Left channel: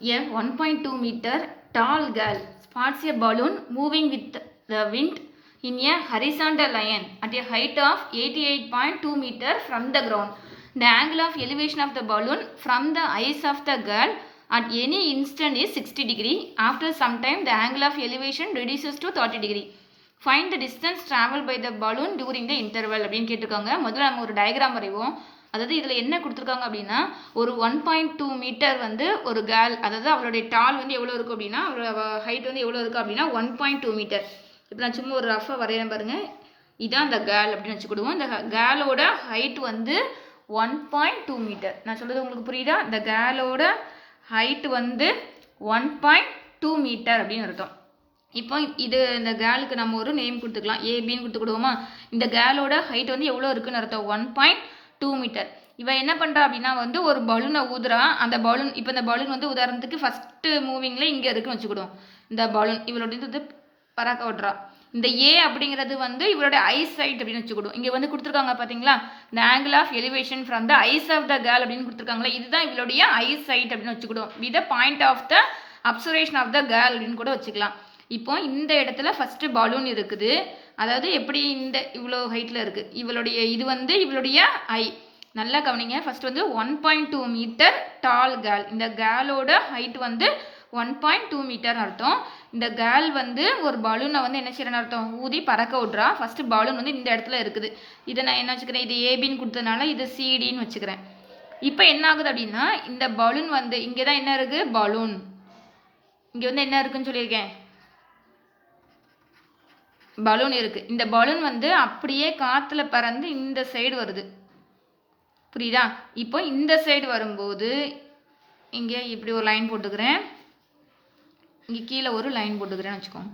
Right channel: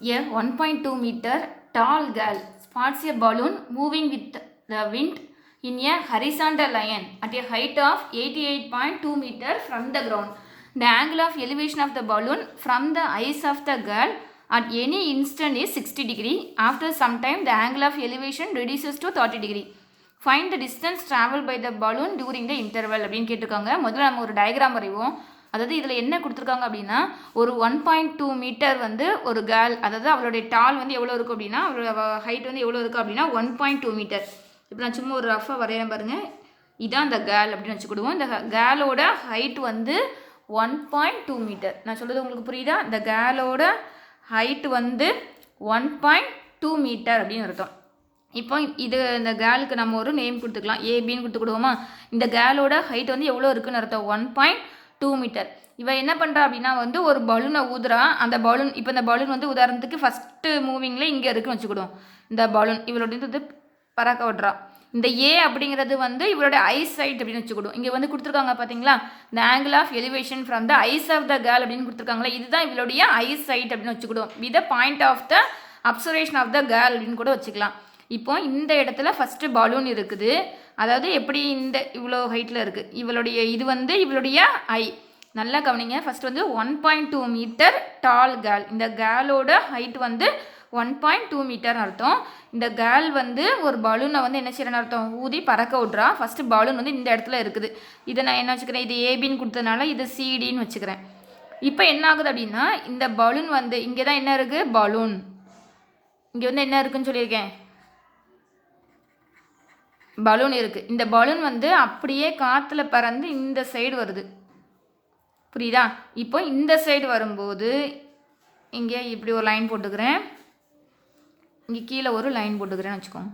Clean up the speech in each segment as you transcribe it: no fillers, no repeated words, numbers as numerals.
A 1.2 meter tall girl spots a balloon moving with the wind in a horizontal line at a height of 88.2 meter from the ground. The angle of elevation of the balloon from the eyes of the girl at any instant is 60 degree. After some time, the angle of elevation reduces to 30 degree. Find the distance traveled by the balloon during the interval அப்படின்னு கேட்டிருக்காங்க. முதல்ல நம்ம ஒரு diagram வரைவோம். அதாவது இதில் என்ன கொடுத்துருக்காங்க அப்படின்னா ஒரு 1.2 மீட்டர் வந்து ஒரு கேர்ள், அதாவது அவளுடைய டால் வந்து எவ்வளோ இருக்குது அப்படின்னா அவளோட ஹைட் வந்து எவ்வளோ இருக்குது அப்படின்னா 1.2 மீட்டர். இப்போ நான் சும்மா ஒரு ரஃபாக வரையேன் பாருங்கள். இதான் இந்த கேர்ள் அப்படின்னு வச்சுக்கிடுவோம். இந்த கேர்ளோட ஹைட் வந்து 1.2 மீட்டர். நான் சொல்கிறது உங்களுக்கு புரியுதா? இந்த கேர்ளோட ஹைட் வந்து 1.2 மீட்டர் அப்படின்னு அர்த்தம். இப்போ இது இந்த கேர்ளுக்கு நம்ம ஒரு நேம் கொடுத்துக்கலாம், ஏபின்னு கொடுத்துக்கிடுவோமா. இந்த கேர்ளோட ஹைட் வந்து எவ்வளோ இருக்குன்னு அர்த்தம், 1.2 மீட்டர். இவன் என்ன பண்ணுறா அப்படின்னா வந்து ஒரு பலூனை ஊதுறா. அந்த பலூன் இப்போ இந்த பலூன் வந்து உதாரணத்துக்கு ஃபஸ்ட்டு மூவிங்கில் இங்கே இருக்குன்னு வச்சுக்கிடுவோம். இந்த பலூன் இவளோட வந்து பறக்க விட்றா. இந்த ஏ அப்படிங்கிறது வந்து இவரோட ஐஸ் சைட் அப்படின்னு வச்சுக்கிடுவோம். இங்கே வந்து கொடுத்துருக்காங்க பார்த்தீங்களா, இந்த angle of elevation from the eyes of the girl அப்படின்னு கொடுத்துருக்காங்களா, இதுதான் இவளுடைய ஐஸ் சைட் அப்படின்னு வச்சுக்கிடுவோம். With point of the observation of the girl அப்படின்னு கூட வச்சுக்கலாம். இப்போ இந்த இடத்துல ஃபஸ்ட்டு பலூன் இருக்குது. அதாவது எப்படி இந்த இவ்வளோ ஹைட்டில் இருக்குது இவளுடைய, இது வந்து இவளுடைய ஐ. நல்லா கவனிங்க. ஃபஸ்ட்டு வந்து 1.2 மீட்டர் டால் கேர்ள். இந்த கேர்ளோட ஹைட் வந்து 1.2 மீட்டர்னு அர்த்தம். இந்த கேர்ள் வந்து ஒரு பலூனை வந்து என்ன செய்யறன்னு அர்த்தம், ஊதி பறக்க விட்றா. ஃபஸ்ட்டு பலூன் வந்து இந்த இடத்துல இருக்குது. இதை நான் என்ன வச்சுக்கிறேன், இது ஏபின்னு கொடுத்ததுனால இது சிடின்னு வச்சுக்கிறேன். இப்போ என்ன ஆகுது அப்படின்னா இந்த பலூன் வந்து இங்கே தான் என்ன இருக்குது, பலூன் இங்கே வந்து என்ன இருக்குன்னு சொல்லியிருக்கேன், பலூன் இருக்குது. இந்த பலூன் வந்து அப்படியே காற்றுல பறந்து இந்த சைடு வருது, புரியுதா? இப்போ இந்த சைடு வரும்போது இங்கே இப்படி ஒரு லைன் போட்டுக்கிறேன், இங்கே கீழே ஒரு லைன் போட்டுக்கிறேன்னு வச்சுக்கோங்க.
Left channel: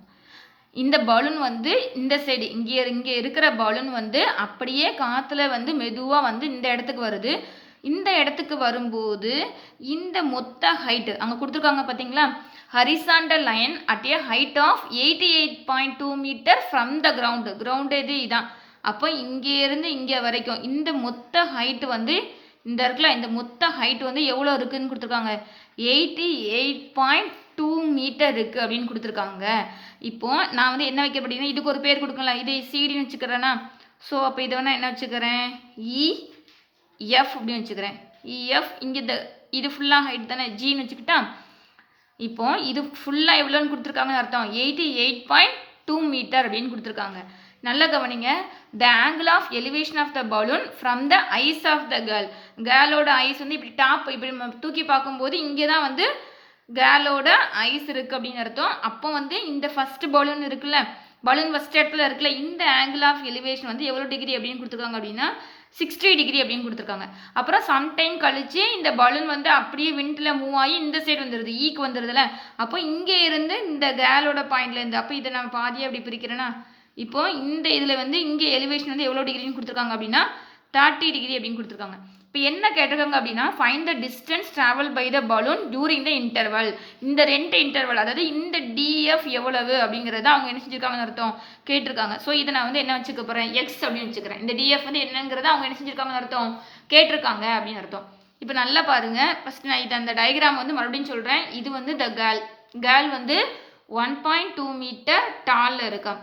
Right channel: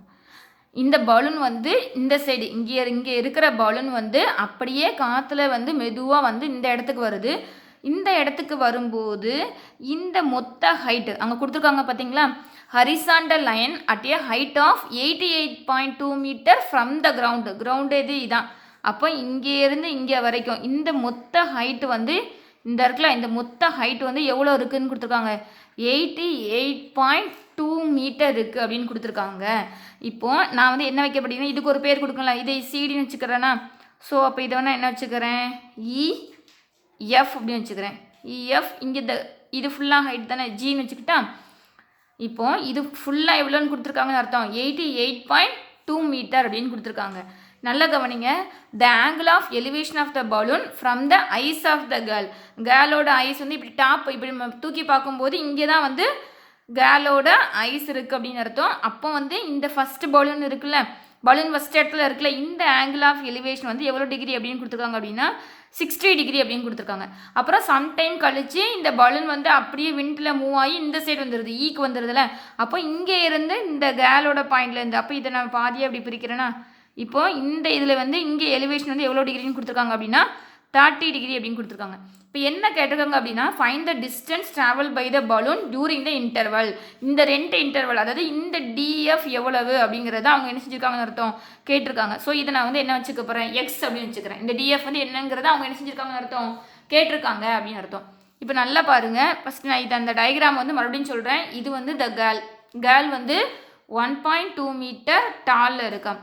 இந்த பலூன் வந்து இந்த சைடு இங்கே இருக்கிற பலூன் வந்து அப்படியே காற்றுல வந்து மெதுவாக வந்து இந்த இடத்துக்கு வருது. இந்த இடத்துக்கு வரும்போது இந்த மொத்த ஹைட்டு அங்கே கொடுத்துருக்காங்க பார்த்தீங்களா, horizontal line at a height of 88.2 metre from the ground இது இதான். அப்போ இங்கேருந்து இங்கே வரைக்கும் இந்த மொத்த ஹைட்டு வந்து இந்த இடத்துல இந்த மொத்த ஹைட் வந்து எவ்வளோ இருக்குதுன்னு கொடுத்துருக்காங்க, 88.2 மீட்டர் இருக்குது அப்படின்னு கொடுத்துருக்காங்க. இப்போது நான் வந்து என்ன வைக்க அப்படின்னா இதுக்கு ஒரு பேர் கொடுக்கலாம், இதை சிடின்னு வச்சுக்கிறேன்னா. ஸோ அப்போ இதை வேணால் என்ன வச்சுக்கிறேன், இஎஃப் அப்படின்னு வச்சுக்கிறேன். இஎஃப் இங்கே இது ஃபுல்லாக ஹைட் தானே, ஜின்னு வச்சுக்கிட்டா. இப்போ இது ஃபுல்லாக எவ்வளோன்னு கொடுத்துருக்காங்கன்னு அர்த்தம், 88.2 மீட்டர் அப்படின்னு கொடுத்துருக்காங்க. நல்லா கவனிங்க. The angle of elevation of the balloon from the eyes of the girl. கேர்ளோட ஐஸ் வந்து இப்படி டாப் இப்படி தூக்கி பார்க்கும்போது இங்கே தான் வந்து கேர்ளோட ஐஸ் இருக்குது அப்படின்னு அர்த்தம். அப்போ வந்து இந்த ஃபஸ்ட்டு பலூன் இருக்குல்ல, பலூன் ஃபஸ்ட் இடத்துல இருக்குல்ல, இந்த ஆங்கிள் ஆஃப் எலிவேஷன் வந்து எவ்வளோ டிகிரி அப்படின்னு கொடுத்துருக்காங்க அப்படின்னா 60 டிகிரி அப்படின்னு கொடுத்துருக்காங்க. அப்புறம் சம்டைம் கழித்து இந்த பலூன் வந்து அப்படியே விண்டில் மூவ் ஆகி இந்த சைடு வந்துடுது, ஈக்கு வந்துடுதுல. அப்போ இங்கே இருந்து இந்த கேர்ளோட பாயிண்ட்லேருந்து, அப்போ இதை நான் பாதியாக அப்படி பிரிக்கிறேன்னா, இப்போ இந்த இதில் வந்து இங்கே எலிவேஷன் வந்து எவ்வளோ டிகிரின்னு கொடுத்துருக்காங்க அப்படின்னா 30 டிகிரி அப்படின்னு கொடுத்துருக்காங்க. இப்போ என்ன கேட்டிருக்காங்க அப்படின்னா find the distance travel by the balloon during the interval. இந்த 2 இன்டர்வல், அதாவது இந்த டிஎஃப் எவ்வளவு அப்படிங்கிறத அவங்க என்ன செஞ்சுருக்காங்கன்னு அர்த்தம் கேட்டிருக்காங்க. ஸோ இதை நான் வந்து என்ன வச்சுக்க போகிறேன், எக்ஸ் அப்படின்னு வச்சுக்கிறேன். இந்த டிஎஃப் வந்து என்னங்கிறத அவங்க என்ன செஞ்சுருக்காங்கன்னு அர்த்தம் கேட்டிருக்காங்க அப்படின்னு அர்த்தம். இப்போ நல்லா பாருங்கள். ஃபஸ்ட் நான் அந்த டயக்ராம் வந்து மறுபடியும் சொல்கிறேன். இது வந்து த கேர்ள் வந்து 1.2 மீட்டர் டாலில் இருக்கா.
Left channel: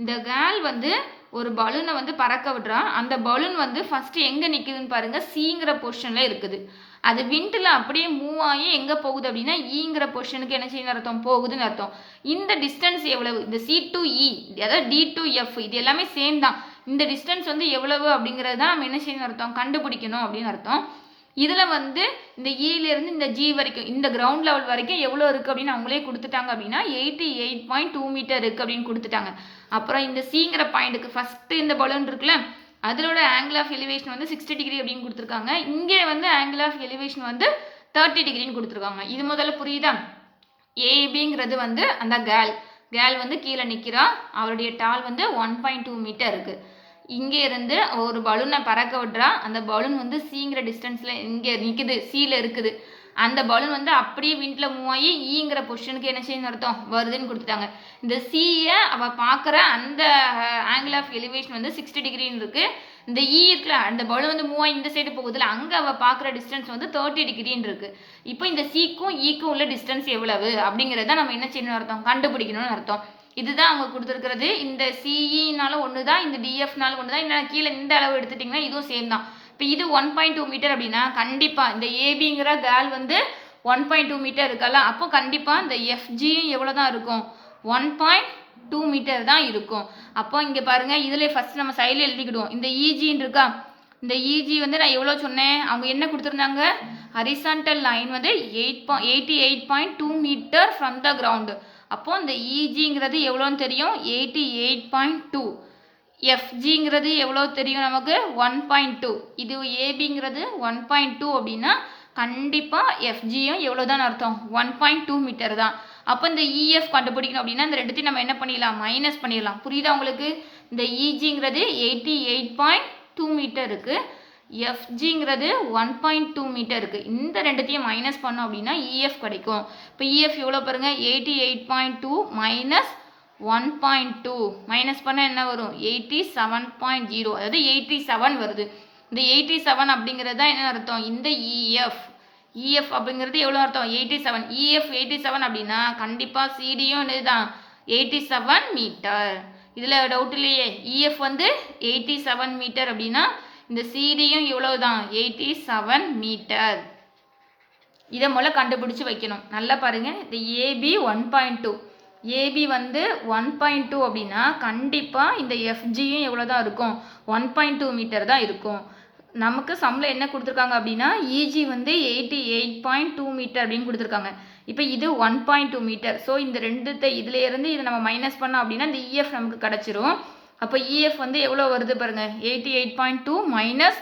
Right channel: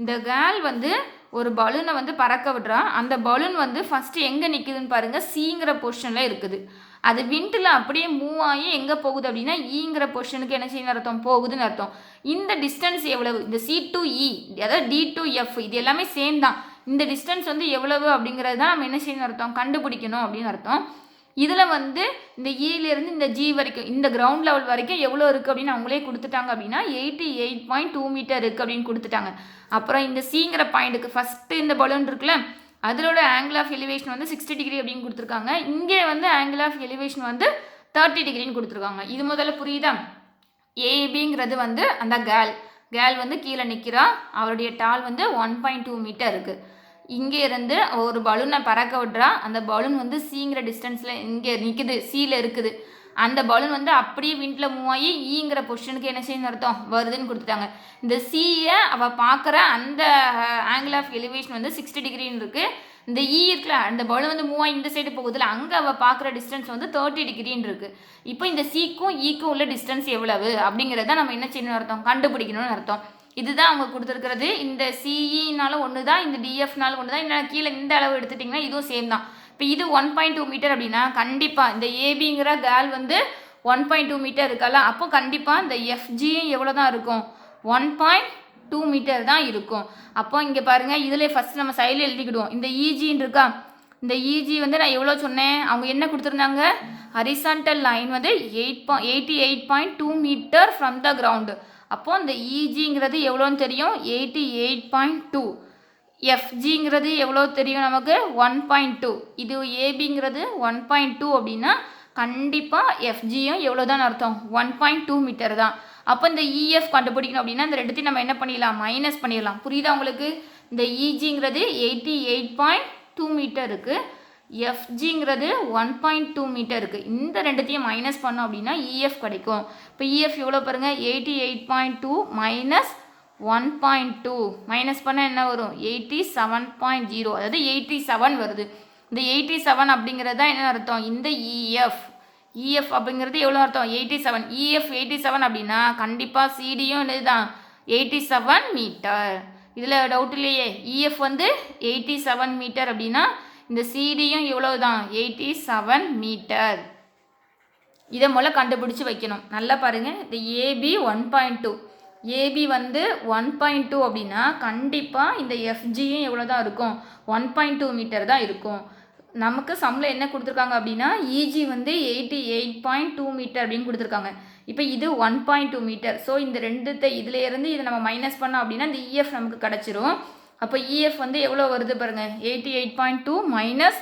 இந்த கேர்ள் வந்து ஒரு பலூனை வந்து பறக்க விடுறா. அந்த பலூன் வந்து ஃபஸ்ட்டு எங்கே நிற்குதுன்னு பாருங்கள், சிங்கிற பொசிஷனில் இருக்குது. அது விண்டில் அப்படியே மூவ் ஆகி எங்கே போகுது அப்படின்னா ஈங்கிற பொசிஷனுக்கு என்ன செய்யணும் அர்த்தம், போகுதுன்னு அர்த்தம். இந்த டிஸ்டன்ஸ் எவ்வளவு, இந்த சி டு இ அதாவது டி டு எஃப் இது எல்லாமே சேம் தான். இந்த டிஸ்டன்ஸ் வந்து எவ்வளவு அப்படிங்கிறது தான் நம்ம என்ன செய்யணும் அர்த்தம், கண்டுபிடிக்கணும் அப்படின்னு அர்த்தம். இதில் வந்து இந்த இலேருந்து இந்த ஜி வரைக்கும் இந்த கிரவுண்ட் லெவல் வரைக்கும் எவ்வளோ இருக்குது அப்படின்னு அவங்களே கொடுத்துட்டாங்க அப்படின்னா 88.2 மீட்டர் இருக்குது அப்படின்னு கொடுத்துட்டாங்க. அப்புறம் இந்த சிங்கிற பாயிண்ட்டுக்கு ஃபஸ்ட்டு இந்த பலூன் இருக்குல்ல, அதோட ஆங்கிள் ஆஃப் எலிவேஷன் வந்து 60 டிகிரி அப்படின்னு கொடுத்துருக்காங்க. இங்கே வந்து ஆங்கிள் ஆஃப் எலிவேஷன் வந்து 30 டிகிரின்னு கொடுத்துருக்காங்க. இது முதல்ல புரியுதா? ஏபிங்கிறது வந்து அந்த கேர்ள் வந்து கீழே நிற்கிறா. அவருடைய டால் வந்து 1.2 மீட்டர் இருக்குது. இங்கே இருந்து ஒரு பலூனை பறக்க விட்றா. அந்த பலூன் வந்து சிங்கிற டிஸ்டன்ஸில் இங்கே நிற்குது, சியில் இருக்குது. அந்த பலூன் வந்து அப்படியே விண்டில் மூவ் ஆகி ஈங்கிற பொசிஷனுக்கு என்ன செய்யணும் அர்த்தம் வருதுன்னு கொடுத்துட்டாங்க. இந்த சியை அவள் பார்க்குற அந்த ஆங்கிள் ஆஃப் எலிவேஷன் வந்து 60 டிகிரின்னு இருக்குது. இந்த இ இருக்குல்ல, அந்த பலூன் வந்து மூவ் ஆகி இந்த சைடு போகுதுல, அங்கே அவள் பார்க்குற டிஸ்டன்ஸ் வந்து 30 டிகிரின்னு இருக்குது. இப்போ இந்த சிக்கும் ஈக்கும் உள்ள டிஸ்டன்ஸ் எவ்வளவு அப்படிங்கிறத நம்ம என்ன செய்யணும்னு அர்த்தம், கண்டுபிடிக்கணும்னு அர்த்தம். இதுதான் அவங்க கொடுத்துருக்கிறது. இந்த சிஇனாலும் ஒன்று தான், இந்த டிஎஃப்னாலும் ஒன்று தான். இன்னும் கீழே இந்த அளவு எடுத்துட்டிங்கன்னா இதுவும் சேம் தான். இப்போ இது 1.2 மீட்டர் அப்படின்னா கண்டிப்பாக இந்த ஏபிங்கிற கேர்ள் வந்து 1.2 மீட்டர் இருக்கல, அப்போ கண்டிப்பாக இந்த எஃப்ஜியும் எவ்வளோ தான் இருக்கும், 1.2 மீட்டர் தான் இருக்கும். அப்போ இங்கே பாருங்கள், இதில் ஃபஸ்ட் நம்ம சைடில் எழுதிக்கிடுவோம். இந்த இஜின்னு இருக்கா, இந்த இஜி வந்து நான் எவ்வளோ சொன்னேன், அவங்க என்ன கொடுத்துருந்தாங்க, ஹரிசான்டல் லைன் வந்து 88.2 மீட்டர் ஃப்ரம் த கிரவுண்டு. அப்போது இந்த இஜிங்கிறது எவ்வளோன்னு தெரியும், 88.2. எஃப்ஜிங்கிறது எவ்வளோ தெரியும் நமக்கு, 1.2. இது ஏபிங்கிறது 1.2 அப்படின்னா கண்டிப்பாக எஃப்ஜியும் எவ்வளோ தான் அர்த்தம், 1.2 மீட்டர் தான். அப்போ இந்த இஎஃப் கண்டுபிடிக்கணும் அப்படின்னா இந்த ரெண்டுத்தையும் நம்ம என்ன பண்ணிடலாம், மைனஸ் பண்ணிடலாம். புரியுதா உங்களுக்கு? இந்த இஜிங்கிறது 88.2 மீட்டர் இருக்குது, எஃப்ஜிங்கிறது 1.2 மீட்டர் இருக்குது. இந்த ரெண்டுத்தையும் மைனஸ் பண்ணோம் அப்படின்னா இஎஃப் கிடைக்கும். இப்போ இஎஃப் எவ்வளோ பாருங்கள், 88.2 மைனஸ் 1.2 மைனஸ் பண்ணால் என்ன வரும், 87.0, அதாவது 87 வருது. இந்த 87 அப்படிங்கிறது தான் என்ன அர்த்தம், இந்த இஎஃப் அப்படிங்கிறது எவ்வளோ அர்த்தம், 87. இஎஃப் 87 அப்படின்னா கண்டிப்பாக சிடியும் இதுதான் 87 மீட்டர். இதில் டவுட் இல்லையே, இஎஃப் வந்து 87 மீட்டர் அப்படின்னா இந்த சிடியும் எவ்வளோ தான், 87 மீட்டர். இதை முதல்ல கண்டுபிடிச்சி வைக்கணும். நல்லா பாருங்கள், இந்த ஏபி 1.2, ஏபி வந்து 1.2 அப்படின்னா கண்டிப்பாக இந்த எஃப்ஜியும் எவ்வளோ தான் இருக்கும், 1.2 மீட்டர் தான் இருக்கும். நமக்கு சம்மில் என்ன கொடுத்துருக்காங்க அப்படின்னா இஜி வந்து 88.2 மீட்டர் அப்படின்னு கொடுத்துருக்காங்க. இப்போ இது 1.2 மீட்டர். ஸோ இந்த ரெண்டுத்தை இதுலேருந்து இதை நம்ம மைனஸ் பண்ணோம் அப்படின்னா இந்த இஎஃப் நமக்கு கிடச்சிரும். அப்போ இஎஃப் வந்து எவ்வளோ வருது பாருங்கள், 88.2 மைனஸ்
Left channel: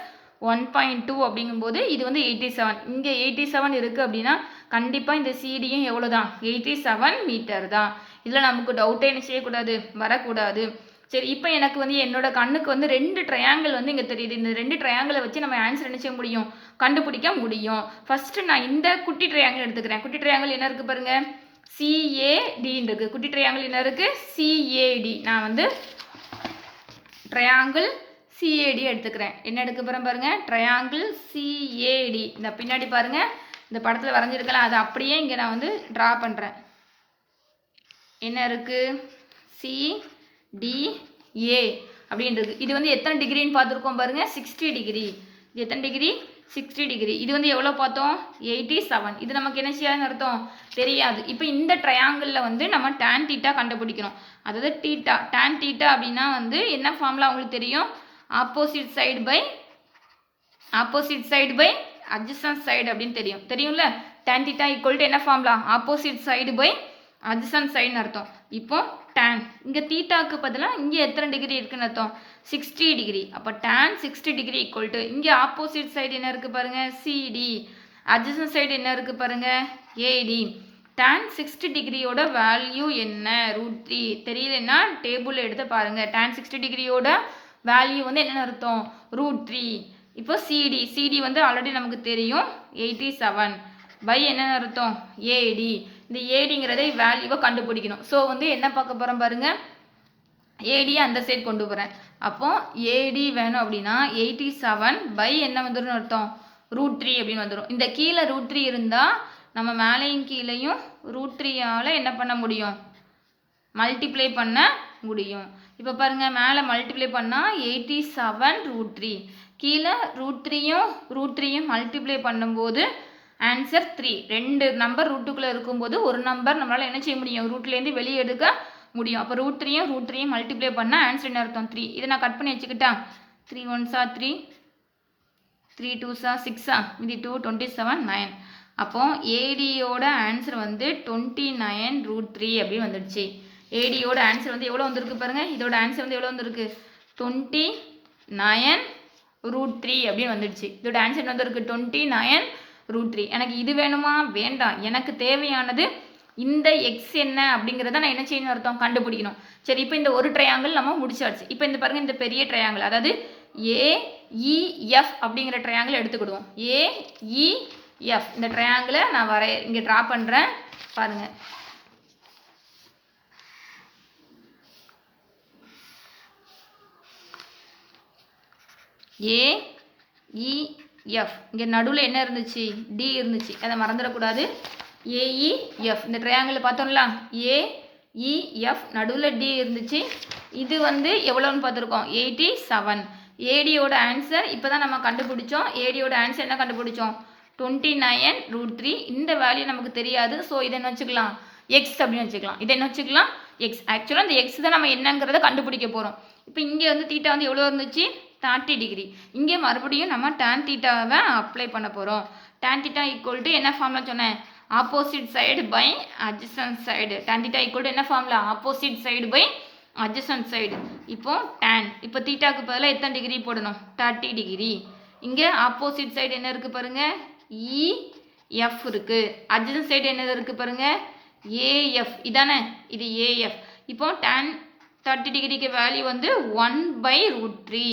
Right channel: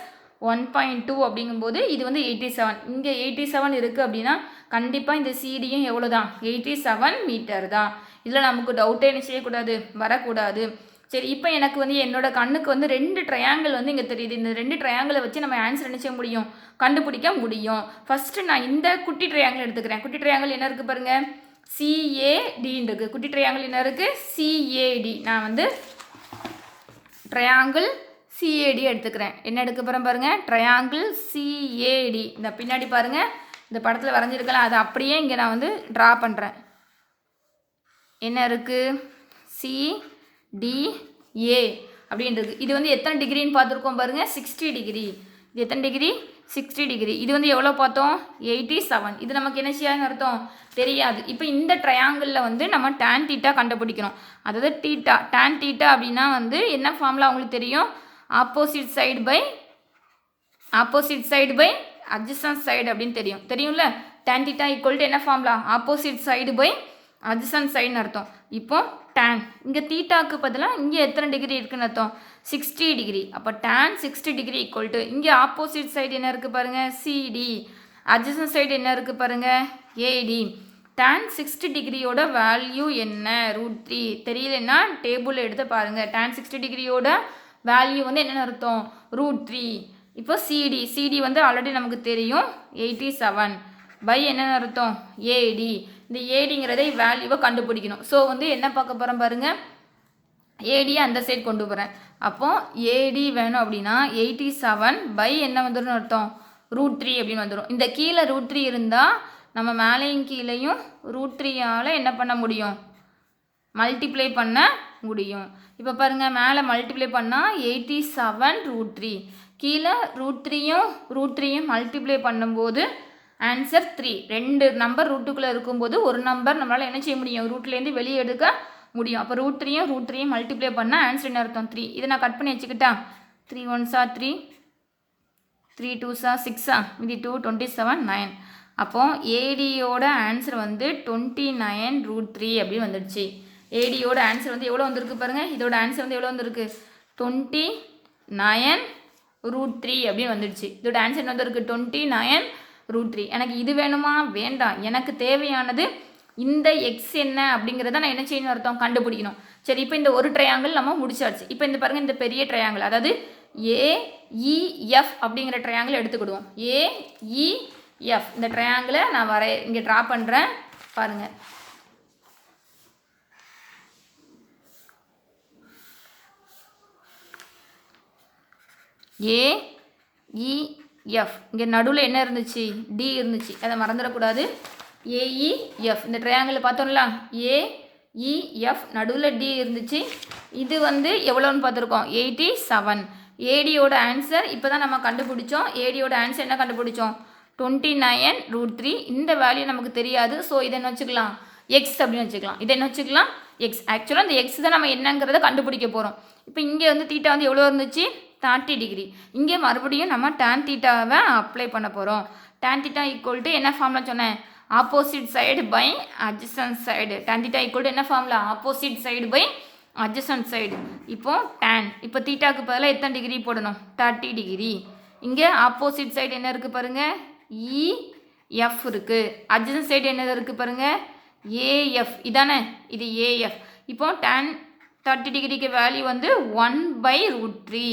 1.2 அப்படிங்கும்போது இது வந்து 87. இங்கே 87 இருக்குது அப்படின்னா கண்டிப்பாக இந்த சிடியும் எவ்வளோ தான், 87 மீட்டர் தான். இதில் நமக்கு டவுட்டே என்ன செய்யக்கூடாது, வரக்கூடாது. சரி, இப்போ எனக்கு வந்து என்னோட கண்ணுக்கு வந்து 2 ட்ரையாங்கிள் வந்து இங்கே தெரியுது. இந்த 2 ட்ரையாங்கிளை வச்சு நம்ம ஆன்சர் என்ன செய்ய முடியும், கண்டுபிடிக்க முடியும். ஃபஸ்ட்டு நான் இந்த குட்டி ட்ரையாங்கிள் எடுத்துக்கிறேன். குட்டி ட்ரையாங்கிள் என்ன இருக்குது பாருங்கள், சிஏடின்னு இருக்குது. குட்டி ட்ரையாங்கிள் என்ன இருக்குது, சிஏடி. நான் வந்து ட்ரையாங்கிள் சிஏடி எடுத்துக்கிறேன். என்ன எடுக்க போகிறேன் பாருங்கள், ட்ரையாங்கிள் சிஏடி. இந்த பின்னாடி பாருங்கள், இந்த படத்தில் வரைஞ்சிருக்கலாம், அதை அப்படியே இங்கே நான் வந்து ட்ரா பண்ணுறேன். என்ன இருக்குது, சிடிஏ அப்படின்றது. இது வந்து எத்தனை டிகிரின்னு பார்த்துருக்கோம் பாருங்கள், 60 டிகிரி. இது எத்தனை டிகிரி, 60 டிகிரி. இது வந்து எவ்வளோ பார்த்தோம், 87. இது நமக்கு என்ன செய்யாதுன்னு அர்த்தம், தெரியாது. இப்போ இந்த ட்ரையாங்கிளில் வந்து நம்ம tan தீட்டா கண்டுபிடிக்கணும். அதாவது தீட்டா, tan தீட்டா அப்படின்னா வந்து என்ன ஃபார்முலா உங்களுக்கு தெரியும், opposite side by adjacent side அப்படின்னு தெரியும்ல. tan தீட்டா ஈக்குவல் டு என்ன formula, opposite side by adjacent சைடுன்னு அர்த்தம். இப்போ tan இங்கே தீட்டாக்கு பதிலாக இங்கே எத்தனை டிகிரி இருக்குன்னு அர்த்தம், 60 டிகிரி. அப்போ tan 60 டிகிரி ஈக்குவல் டு இங்கே ஆப்போசிட் சைடு என்ன இருக்குது பாருங்கள், சிடி. அட்ஜசன்ட் சைடு என்ன இருக்குது பாருங்கள், ஏடி. tan 60 டிகிரியோட வேல்யூ என்ன, √3. தெரியலன்னா டேபிளில் எடுத்து பாருங்கள். tan 60 டிகிரியோட வேல்யூ வந்து என்னென்னு அர்த்தம், √3. இப்போ சிடி வந்து ஆல்ரெடி நமக்கு தெரியும், 87 பை என்னென்னு அர்த்தம், ஏடி. இந்த ஏடிங்கிறதை வேல்யூவை கண்டுபிடிக்கணும். ஸோ வந்து என்ன பார்க்க போகிறோம் பாருங்கள், ஏடியை அந்த சைடு கொண்டு போகிறேன். அப்போது ஏடி வேணும் அப்படின்னா 87 பை என்ன வந்துடும் அர்த்தம், √3 அப்படின்னு வந்துடும். இந்த கீழே √3 இருந்தால் நம்ம மேலேயும் கீழேயும் √3ஆல் என்ன பண்ண முடியும், மல்டிப்ளை பண்ண முடியும். இப்போ பாருங்கள், மேலே மல்டிப்ளை பண்ணால் 87 √3, கீழே √3யும் மல்டிப்ளை பண்ணும்போது ஆன்சர் 3. 2 நம்பர் ரூட்டுக்குள்ளே இருக்கும்போது ஒரு நம்பர் நம்மளால் என்ன செய்ய முடியும், ரூட்லேருந்து வெளியே எடுக்க முடியும். அப்போ √3யும் மல்டிப்ளை பண்ணால் ஆன்சர் என்ன அர்த்தம், 3. இதை நான் கட் பண்ணி வச்சுக்கிட்டா, 3 1s 3, 3 2s 6, இது 2 27 9. அப்போது ஏடியோட ஆன்சர் வந்து 29 √3 அப்படின்னு வந்துடுச்சு. ஏடியோட ஆன்சர் வந்து எவ்வளோ வந்திருக்கு பாருங்கள், இதோட ஆன்சர் வந்து எவ்வளோ வந்திருக்கு, 29 √3 அப்படின்னு வந்துடுச்சு. இதோட ஆன்சர் வந்திருக்கு 29 √3. எனக்கு இது வேணுமா, வேண்டாம். எனக்கு தேவையானது இந்த எக்ஸ் என்ன அப்படிங்கிறத நான் என்ன செய்யணும் அர்த்தம், கண்டுபிடிக்கணும். சரி, இப்போ இந்த ஒரு ட்ரையாங்கிள் நம்ம முடிச்சாச்சு. இப்போ இந்த பாருங்கள், இந்த பெரிய ட்ரையாங்கிள், அதாவது ஏஇஎஃப் அப்படிங்கிற ட்ரையாங்கிள் எடுத்துக்கிடுவோம். ஏஇஎஃப் இந்த ட்ரையாங்கிளை நான் இங்கே ட்ரா பண்ணுறேன் பாருங்கள். ஏஇஎஃப். இங்கே நடுவில் என்ன இருந்துச்சு? டி இருந்துச்சு, அதை மறந்துடக்கூடாது. ஏஇஎஃப் இந்த ட்ரையாங்கிள் பார்த்தோம்ல, ஏஇஎஃப் நடுவில் டி இருந்துச்சு. இது வந்து எவ்வளோன்னு பார்த்துருக்கோம், 87. ஏடியோட ஆன்சர் இப்போ தான் நம்ம கண்டுபிடிச்சோம். ஏடியோட ஆன்சர் என்ன கண்டுபிடிச்சோம்? 29√3. இந்த வேல்யூ நமக்கு தெரியாது. ஸோ இதை என்ன வச்சுக்கலாம்? எக்ஸ் அப்படின்னு வச்சுக்கலாம். இதை என்ன வச்சுக்கலாம்? எக்ஸ். ஆக்சுவலாக இந்த எக்ஸ் தான் நம்ம என்னங்கிறத கண்டுபிடிக்க போகிறோம். இப்போ இங்கே வந்து தீட்டா வந்து எவ்வளோ இருந்துச்சு? 30 டிகிரி. இங்கே மறுபடியும் நம்ம டேன் தீட்டாவை அப்ளை பண்ண போகிறோம். டேன் தீட்டா ஈக்குவல் டு என்ன ஃபார்முலா சொன்னேன்? Opposite side by adjacent side. Tan theta equal to என்ன formula? Opposite side by adjacent side. இப்போ டேன், இப்போ தீட்டாக்கு பதிலாக எத்தனை டிகிரி போடணும்? 30 டிகிரி. இங்கே ஆப்போசிட் சைடு என்ன இருக்குது பாருங்கள்? இஎஃப் இருக்குது. அட்ஜசன்ட் சைடு என்னது இருக்குது பாருங்கள்? ஏஎஃப். இதானே இது ஏஎஃப். இப்போ டேன் 30 டிகிரிக்கு வேல்யூ வந்து 1/√3.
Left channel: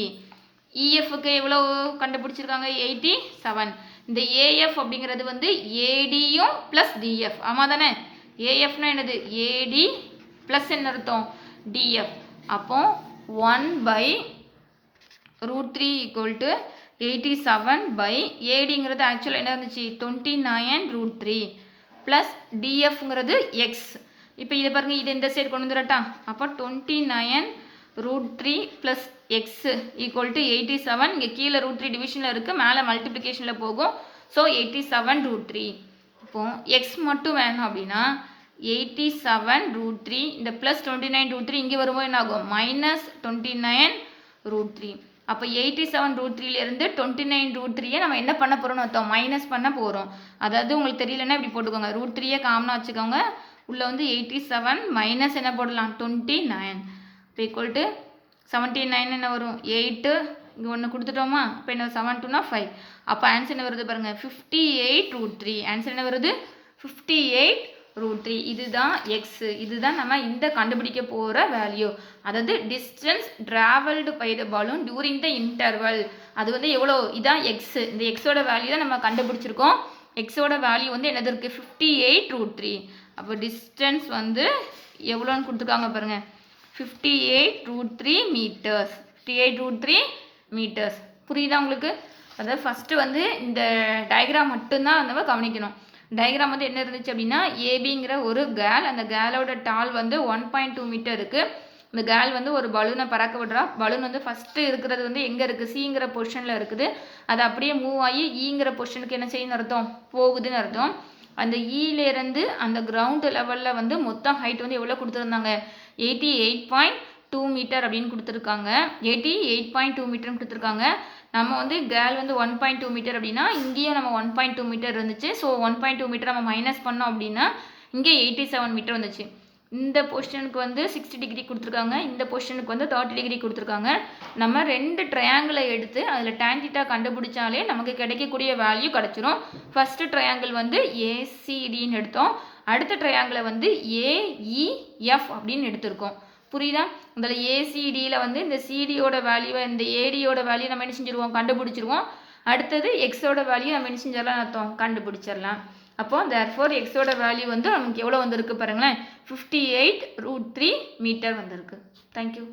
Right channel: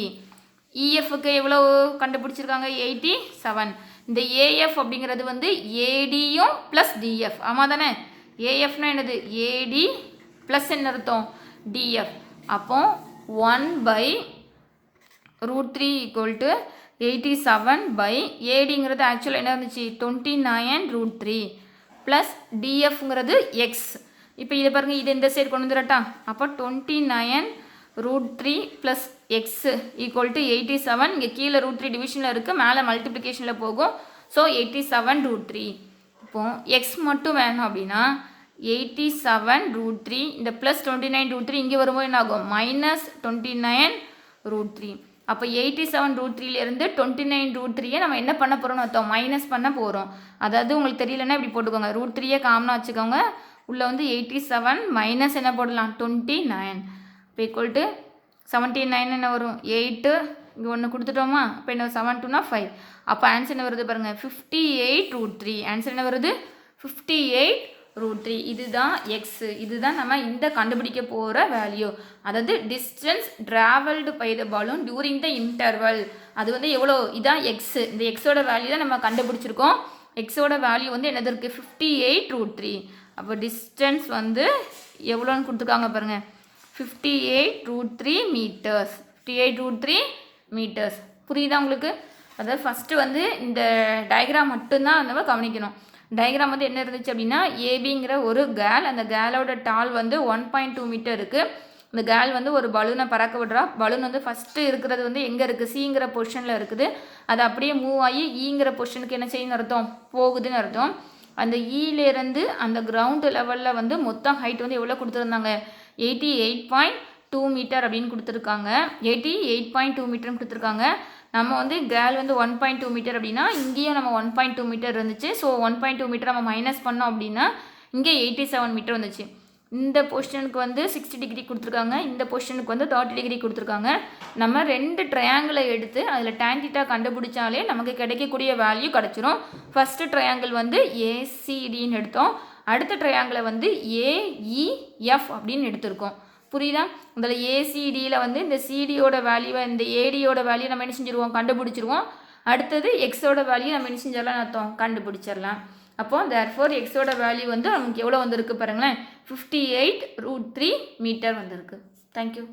இஎஃப்க்கு எவ்வளோ கண்டுபிடிச்சிருக்காங்க? 87. இந்த ஏஎஃப் அப்படிங்கிறது வந்து ஏடியும் ப்ளஸ் டிஎஃப். ஆமாம் தானே? ஏஎஃப்னா என்னது? ஏடி ப்ளஸ் என்ன அர்த்தம்? டிஎஃப். அப்போ 1/√3 ஈக்குவல் டு 87 பை ஏடிங்கிறது ஆக்சுவலாக என்ன இருந்துச்சு? 29√3 ப்ளஸ் டிஎஃப்ங்கிறது எக்ஸ். இப்போ இதை பாருங்கள், இதை இந்த சைடு கொண்டு வந்துடட்டா? அப்போ 29√3 ப்ளஸ் எக்ஸ் ஈக்குவல் டு 87. இங்கே கீழே √3 டிவிஷனில் இருக்குது, மேலே மல்டிப்ளிகேஷனில் போகும். ஸோ 87√3. இப்போது எக்ஸ் மட்டும் வேணும் அப்படின்னா 87√3 இந்த ப்ளஸ் 29√3 இங்கே வரும்போது என்ன ஆகும்? -29√3. அப்போ 87√3லேருந்து 29√3யை நம்ம என்ன பண்ண போகிறோம்னு அர்த்தம்? மைனஸ் பண்ண போகிறோம். அதாவது உங்களுக்கு தெரியலன்னா இப்படி போட்டுக்கோங்க, √3யை காமனாக வச்சுக்கோங்க. உள்ளே வந்து 87 மைனஸ் என்ன போடலாம்? 29. இப்போ ஈக்குவல் டு 79 என்ன வரும்? 8. இங்கே ஒன்று கொடுத்துட்டோமா? அப்போ என்ன 7 2 5. அப்போ ஆன்சர் என்ன வருது பாருங்கள்? 58√3. ஆன்சர் என்ன வருது? 58√3. இதுதான் எக்ஸு. இதுதான் நம்ம இந்த கண்டுபிடிக்க போகிற வேல்யூ. அதாவது distance travelled by the balloon during the interval. அது வந்து எவ்வளோ? இதான் எக்ஸு. இந்த எக்ஸோட வேல்யூ தான் நம்ம கண்டுபிடிச்சிருக்கோம். எக்ஸோட வேல்யூ வந்து என்னது இருக்குது? 58√3. அப்போ டிஸ்டன்ஸ் வந்து எவ்வளோன்னு கொடுத்துருக்காங்க பாருங்கள்? 58√3 மீட்டர்ஸ். 58√3 மீட்டர்ஸ். புரியுதா உங்களுக்கு? அதாவது ஃபஸ்ட்டு வந்து இந்த டயக்ராம் மட்டும்தான் நம்ம கவனிக்கணும். டயக்ராம் வந்து என்ன இருந்துச்சு அப்படின்னா, ஏபிங்கிற ஒரு கேர்ள், அந்த கேர்ளோட டால் வந்து 1.2 மீட்டர் இருக்குது. இந்த கேர்ள் வந்து ஒரு பலூனை பறக்க விடுறா. பலூன் வந்து ஃபஸ்ட்டு இருக்கிறது வந்து எங்கே இருக்குது? சிங்கிற பொசிஷனில் இருக்குது. அது அப்படியே மூவ் ஆகி ஈங்கிற பொசிஷனுக்கு என்ன செய்யணும்னு அர்த்தம்? போகுதுன்னு அர்த்தம். அந்த ஈலேருந்து அந்த கிரவுண்டு லெவலில் வந்து மொத்தம் ஹைட் வந்து எவ்வளோ கொடுத்துருந்தாங்க? 88.2 மீட்டர் அப்படின்னு கொடுத்துருக்காங்க. 88.2 மீட்டர்னு கொடுத்துருக்காங்க. நம்ம வந்து கேர்ள் வந்து 1.2 மீட்டர் அப்படின்னா இங்கேயும் நம்ம 1.2 மீட்டர் இருந்துச்சு. ஸோ 1.2 மீட்டர் நம்ம மைனஸ் பண்ணோம் அப்படின்னா இங்கே 87 மீட்டர் வந்துச்சு. இந்த பொசிஷனுக்கு வந்து 60 டிகிரி கொடுத்துருக்காங்க. இந்த பொசிஷனுக்கு வந்து 30 டிகிரி கொடுத்துருக்காங்க. நம்ம 2 ட்ரையாங்கிளை எடுத்து அதில் tan θ கண்டுபிடிச்சாலே நமக்கு கிடைக்கக்கூடிய வேல்யூ கிடச்சிரும். ஃபஸ்ட்டு ட்ரையாங்கிள் வந்து ஏசிடின்னு எடுத்தோம். அடுத்த ட்ரையாங்கிளை வந்து ஏஇஎஃப் அப்படின்னு எடுத்திருக்கோம். புரியுதா? அதில் ஏசிடியில் வந்து இந்த சிடியோட வேல்யூவை இந்த ஏடியோட வேல்யூ நம்ம என்ன செஞ்சுருவோம்? கண்டுபிடிச்சிருவோம். அடுத்தது எக்ஸோட வேல்யூ நம்ம என்ன செஞ்சிடலாம் அர்த்தம்? கண்டுபிடிச்சிடலாம். அப்போ தேர்ஃபோர் எக்ஸோட வேல்யூ வந்து நமக்கு எவ்வளோ வந்திருக்கு பாருங்களேன்? 58√3 மீட்டர் வந்திருக்கு. தேங்க்யூ.